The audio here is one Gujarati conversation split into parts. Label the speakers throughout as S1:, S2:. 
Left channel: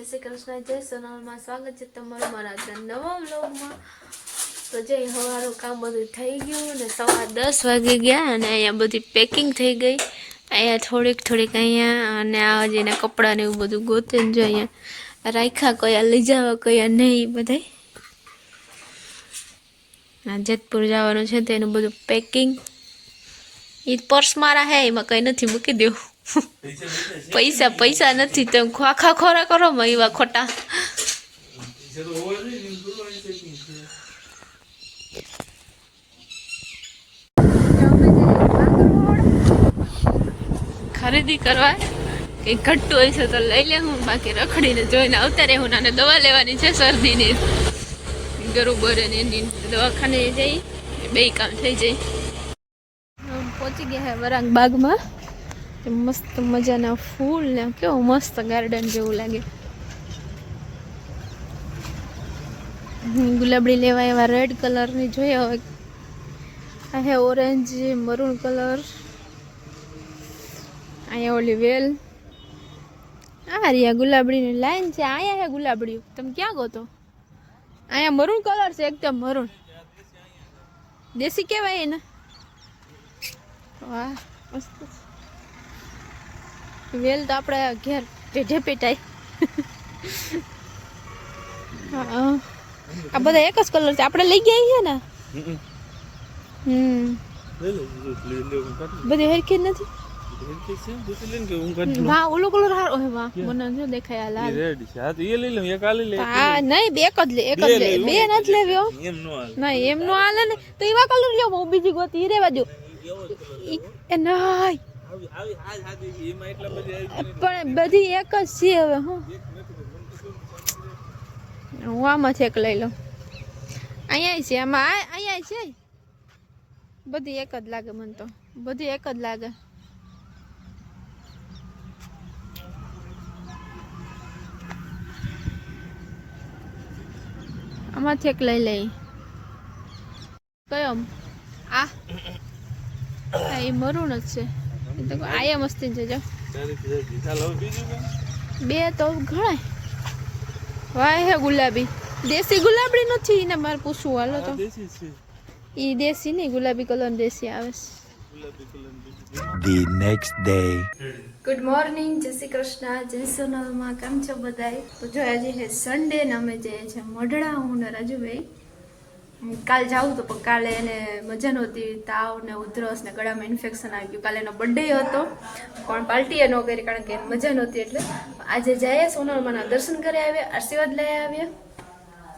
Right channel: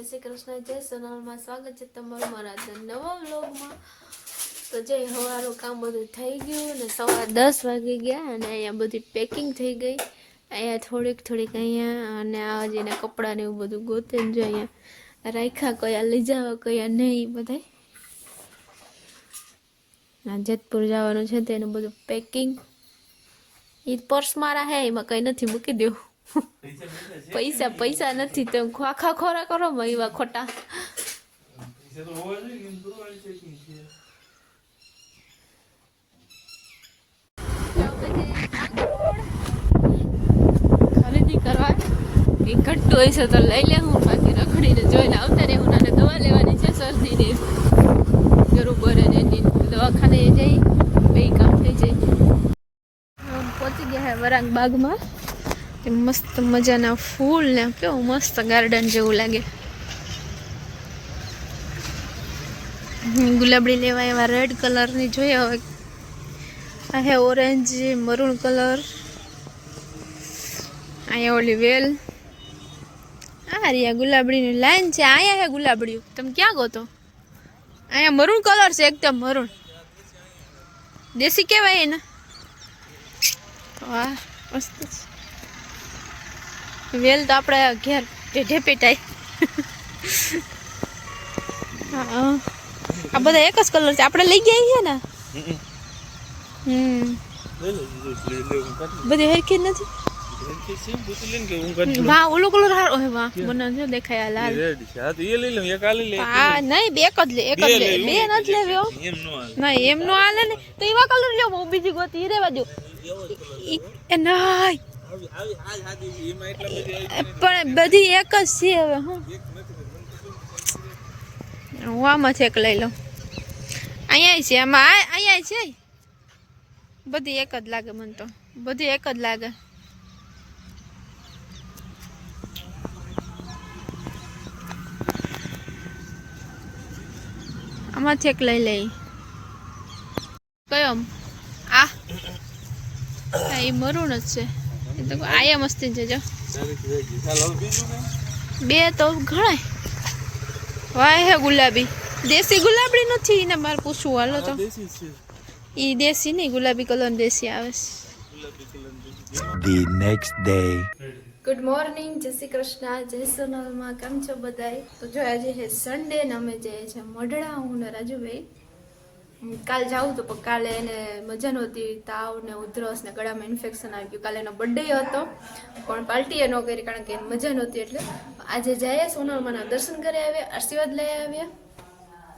S1: જય શ્રી કૃષ્ણ, જય સોનલમાં સ્વાગત છે તમારું મારા નવા વ્લોગમાં. તો જય હવારનું કામ બધું થઈ ગયું ને, સવાર દસ વાગી ગયા અને અહીંયા બધી પેકિંગ થઈ ગઈ. અહીંયા થોડીક થોડીક અહીંયા અને આ જઈને કપડાં ને એવું બધું ગોતે જો અહીંયા રાખ્યા કયા લઈ જવા કયા નહીં બધાય. જેતપુર જવાનું છે તેનું બધું પેકિંગ એ પર્સ મારા હે, એમાં કંઈ નથી મૂકી દેવું. પૈસા પૈસા નથી તેમ ખાખા ખોરા કરો એવા ખોટા. ખરીદી કરવા કંઈ ઘટ્ટું હોય છે તો લઈ લેવું બાકી રખડીને જોઈને આવતા રહેવું અને દવા લેવાની છે શરદીની. બરોબર અને એની દવાખાને જઈ બે કામ થઈ જાય. પહોંચી ગયા હે વરાંગ બાગમાં. મસ્ત મજાના ફૂલ ને કેવું મસ્ત ગાર્ડન જેવું લાગે. ગુલાબડી લેવા એવા રેડ કલરની જોઈએ હવે અહીંયા ઓરેન્જ મરૂન કલર અહીંયા ઓલી વેલ આ રહ્યા ગુલાબડીની લાઈન છે અહીંયા હે ગુલાબડીયું તમે ક્યાં ગો તો? અહીંયા મરૂન કલર છે એકદમ મરૂન દેશી કહેવાય એને. વાહ, મસ્ત છે. વેલ તો આપણે ઘેર પેઢે પેટાય. આ બધા એક જ કલર છે. આપણે લઈ ગયા છીએ ને? હમ બધી હરખી નથી? વાહ ઓલો કલર હારો હે વાહ મને જો દેખાય આ લાલ. હા નહીં બે એક જ લે એક જ લે. બે નથી લેવી હો. ના એમ નો હાલે ને. તો એવા કલર લ્યો હું બીજી ગોતી. રેવા દો એ નહીં. પણ બધી એક જ છે હવે હું. હું આમાંથી એક લઈ લઉં. અહીંયા છે આમાં અહીંયા છે? બધી એક જ લાગે મને તો. બધી એક જ લાગે. આમાંથી એક લઈ લઈ. કયો? આ? એ મરૂણ જ છે. એ તો આયા મસ્તી જજો. બે તો ઘણા. વાય હે ગુલાબી. દેશી ગુલાબડી નથી ને મારે પૂછવું. હાલો તો. એ દેશી નહીં ગુલાબી કલર દેશી આવે છે.
S2: The next day.
S1: Good morning જય શ્રી કૃષ્ણ જય સોનલમાં કેમ છો બધા તો જો આજે છે સન્ડે ને અમે જઈએ છીએ મોઢડા હું ને રાજુભાઈ. કાલે જાવું તો પણ કાલે એને મજા નહોતી તાવ ને ઉધરસ ને ગળામાં ઇન્ફેક્શન આવી ગયું. કાલે એનો બર્થડે હતો. પણ પાર્ટી એ ન કરી કારણ કે મજા નહોતી એટલે. આજે જઈએ સોનામાના દર્શન કરી આવ્યા આશીર્વાદ લઈ આવ્યા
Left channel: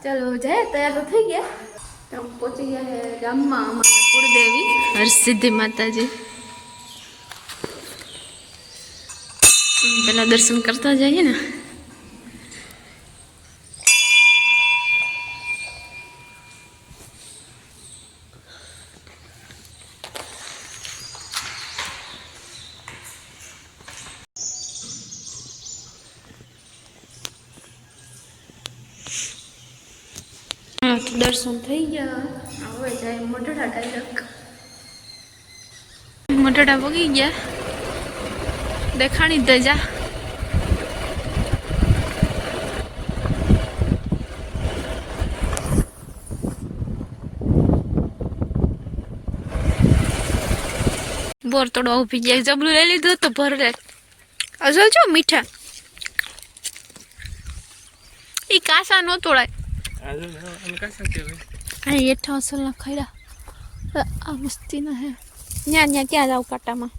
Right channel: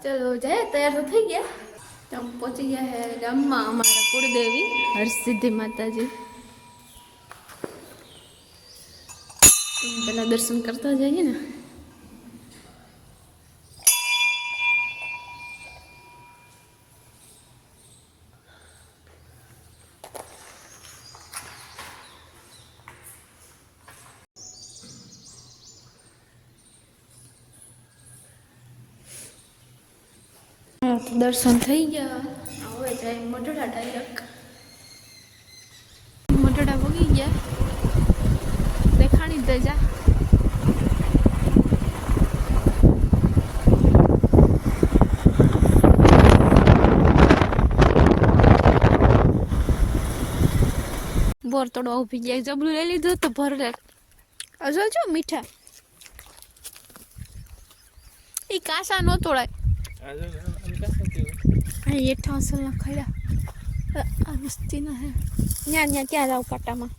S1: ચાલો જઈએ, તૈયાર તો થઈ ગયા. તો પહોંચી ગયા ગામમાં, અમારા કુળદેવી. હરસિદ્ધિ માતાજી. પેલા દર્શન કરતા જઈએ ને. હા, તો દર્શન થઈ ગયા. હવે જાય મોઢડા ડાયરેક્ટ મોઢડા પગી ગયા. દેખાણી દે જા બોર તોડવા ઊભી જાય જબલું લઈ લીધું તો ભર લે અસલ છો મીઠા. એ કાસા નો તોડાય. અહીં હેઠા અસલના ખૈરા આ મસ્તી ના હે ન્યા ન્યા ક્યાં જાવ કાટામાં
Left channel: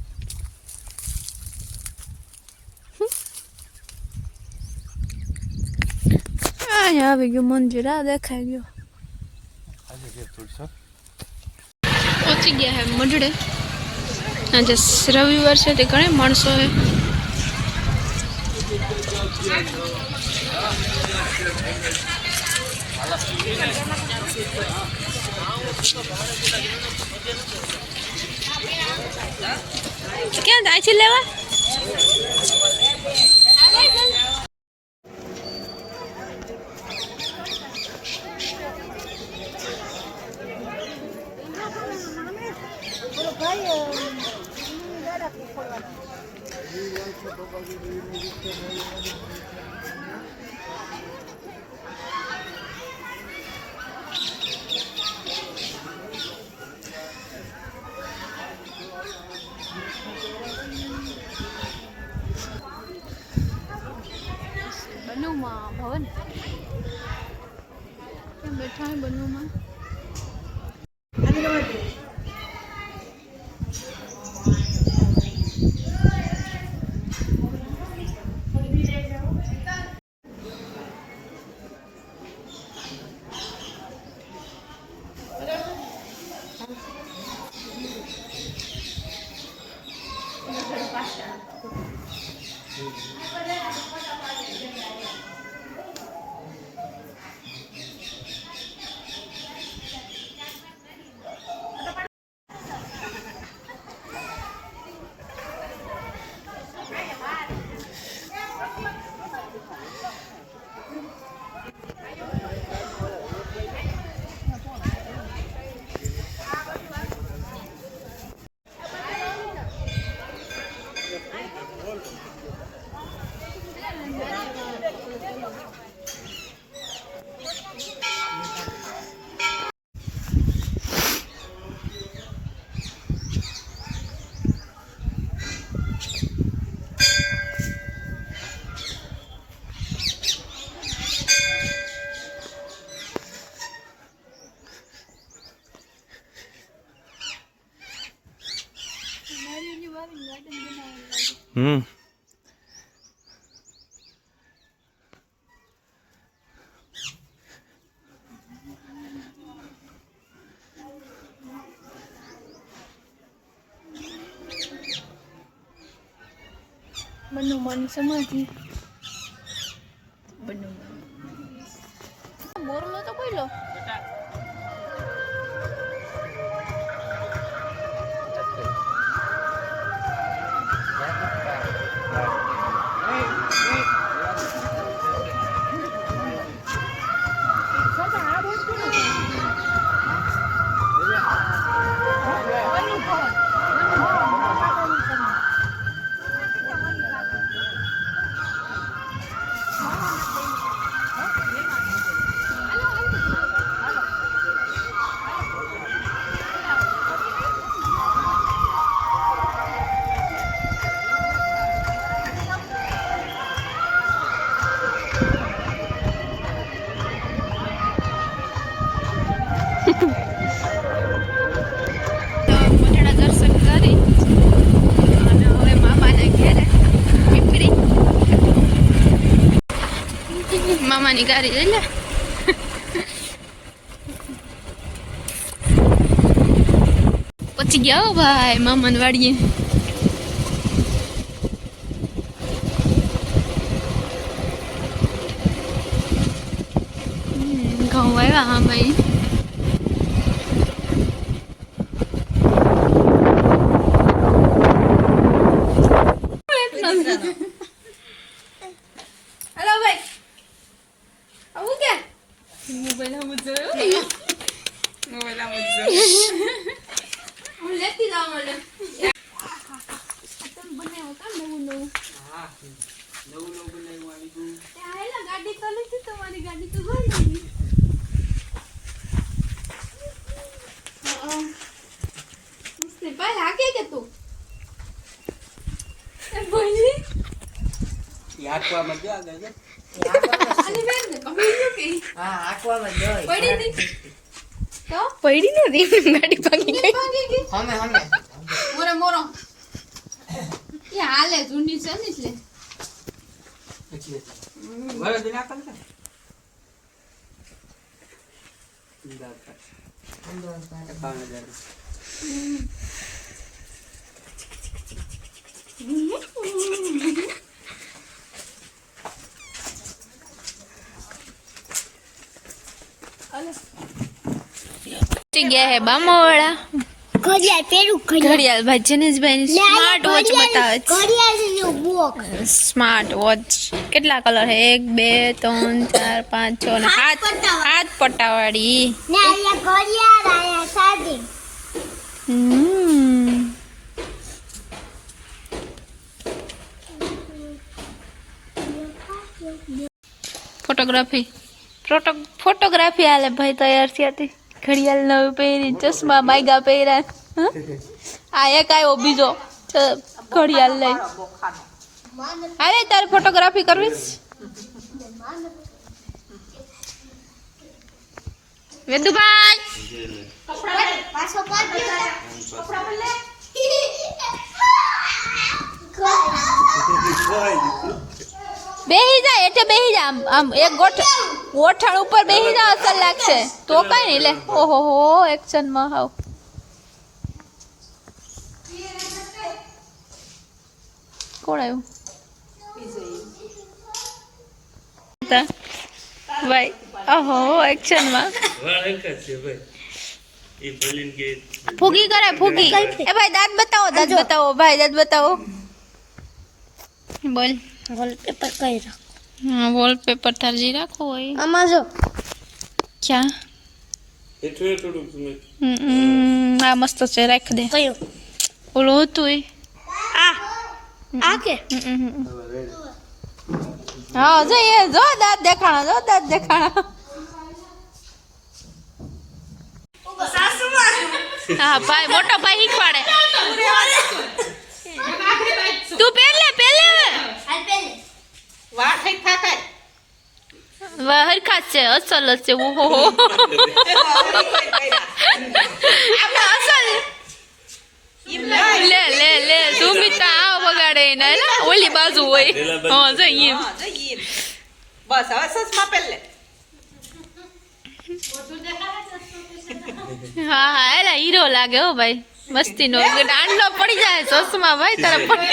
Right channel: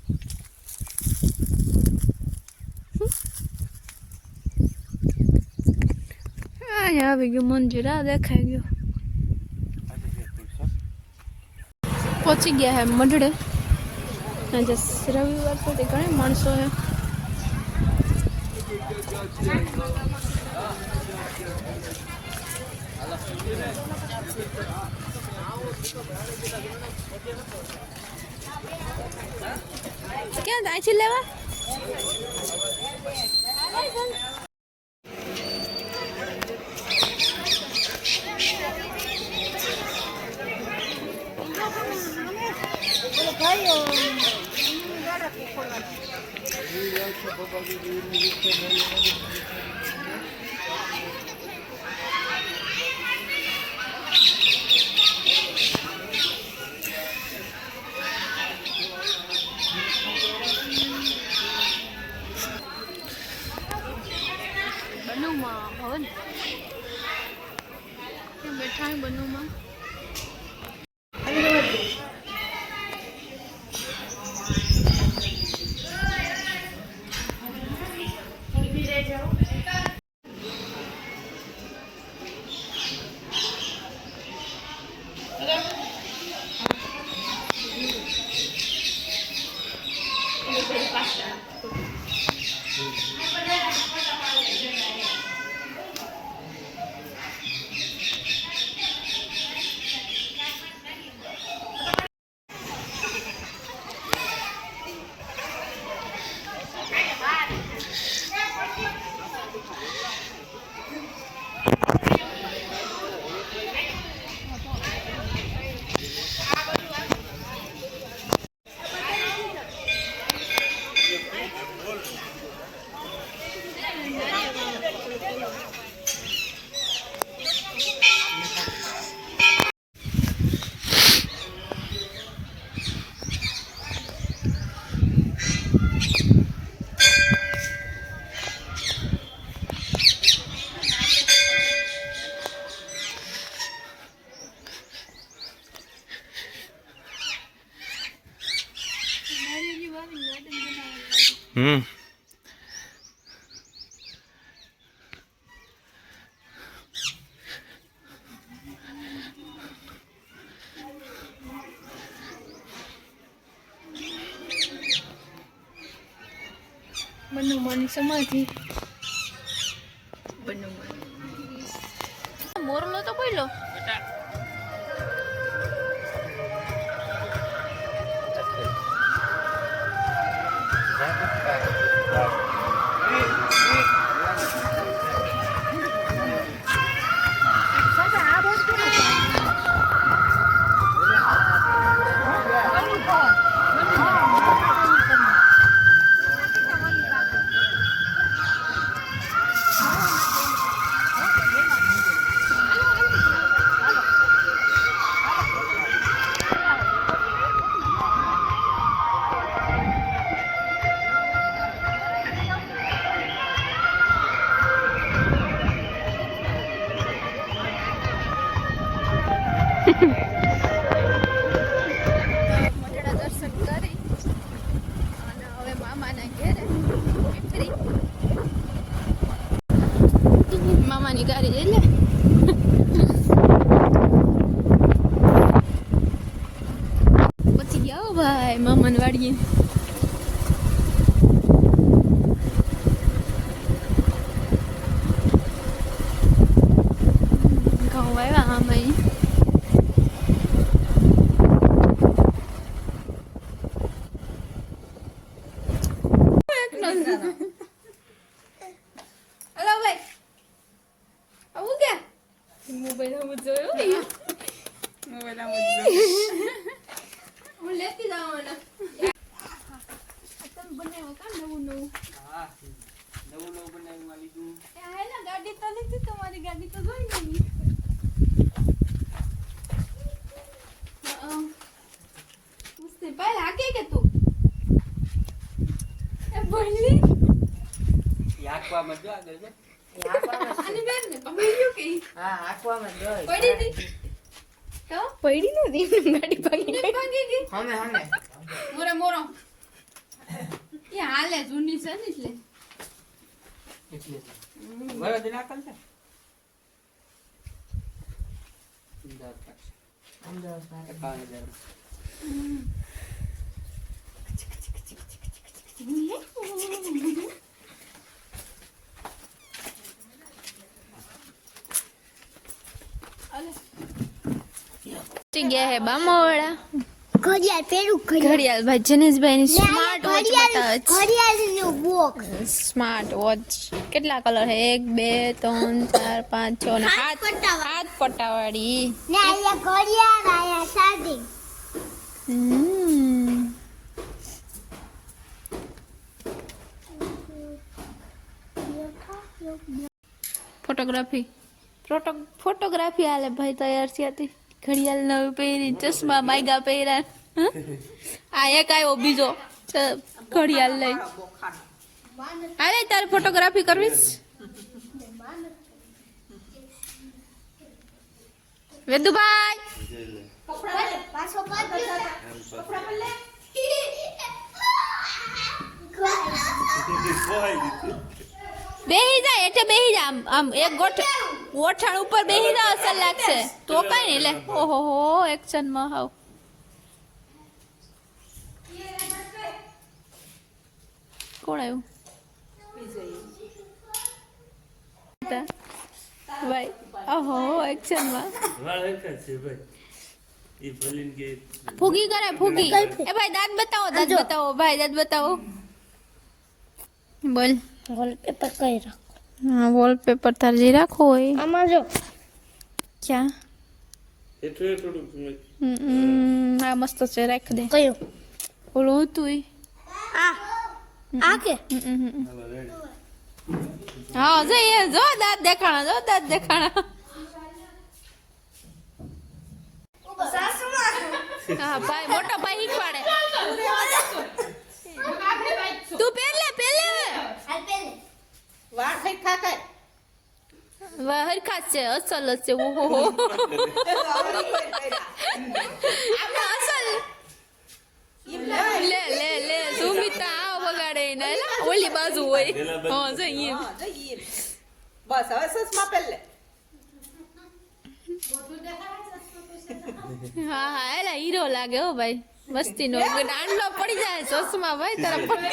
S1: અહીંયા આવી ગયું મંદિર આ દેખાઈ ગયું પહોંચી ગયા હે મઢડે આજે રવિવાર છે તે ઘણી માણસો હે ક્યાં જાય છે લેવા? Thank you.
S2: હમ.
S1: બનુમાની સમાધિ. બનુમાન મોરલો તો બોલો પછી ગયા ભાઈ મામાને વાડીએ હમ, ઘઉં આવ્યા હા ભાઈ હેલો ભાઈ આવું કે હું લેતી જાઉં મને તમે બનાવો કા નવું નવું એ આયેલા ગાડી તો નથી તમારી ગાડી તો બની મસ્તી ભાઈ હાકે કે તું? એ બોલી પડી હતી? તો?
S3: પડી નથી ગાડી ભાગી
S1: ગઈ.
S3: હમે હમે.
S1: મોરે મોરો. એ હાલે જૂની છે ને એટલે. ગયા હે બામાવાળા.
S4: ઘડિયાળ પેલું
S1: ઘડિયાળ. ભાઈ જનેશભાઈ સ્માર્ટ વોચ બતાવે છે.
S4: ઘડિયાળ વોક
S1: સ્માર્ટ વોચ કેટલા કલર છે એક બે ત્રણ ચાર પાંચ છ ને હાથ
S4: પટ્ટાવાળી.
S1: હાથ પટ્ટાવાળી
S4: ને ઘડિયાળ આયા સાદી.
S1: હમ. ફોટોગ્રાફી. ફોટો, ફોટોગ્રાફી હાલે ભાઈ તૈયાર થયા હતી ઘડિયાળ નવી પહેરી, ચશ્મા માયગા પહેર્યા? આ એક આવ્યો બીજો ઘડિયાળ લઈ. આવે તારે ફોટોગ્રાફી કરવી? વેદુભાઈ!
S4: પાછો
S1: બેહી જા એટલે બેહી જા. આમ આમ એક ગોઠ ગોઠણ ઉપર બેહી જા અસર લાગશે. તો કઈ નહીં લે ઓહો હો એક્શનમાં હાવ. કોણ આવ્યું. ભાઈ ઓહો એક્શનમાં.
S2: વાળ હરખા જ છે ભાઈ એ ભલીને કે
S1: ફૂગી કરે ફૂગી. એ ભાઈ દાંત બતાવો દાંત બતાવો ભાઈ દાંત બતાવો. બોલ.
S4: વોલપેપર કઈ રાખો?
S1: હા વોલપેપર તાર જે રાખો હોય.
S4: આમાં જો.
S1: ક્યાં? આ મસ્ત છે રાખ દે.
S4: કયું?
S1: ઓલું હતું
S4: આ. આ કે.
S1: હા જો એ જો દાંત દેખાણા જો દાંત દેખાણા. હા ભાઈ મોટો ભાઈ શીખવાડે. હવે
S3: વાળ થઈ થાકાય
S1: વાહ, હરખા જ છે અસલ છે ઓહો લે અસલ લે લે લે સુમિતા આ વગાડે ને ને ઓલી બાજુ હોય હા જઈએ
S3: હા, બસ હવે સસમા પહેરલે
S1: હા હા એલા હીરો લાગે હો ભાઈ મસ્તી નો દાંડલો પડી જાય ચશ્મા ભાઈ તારા પડી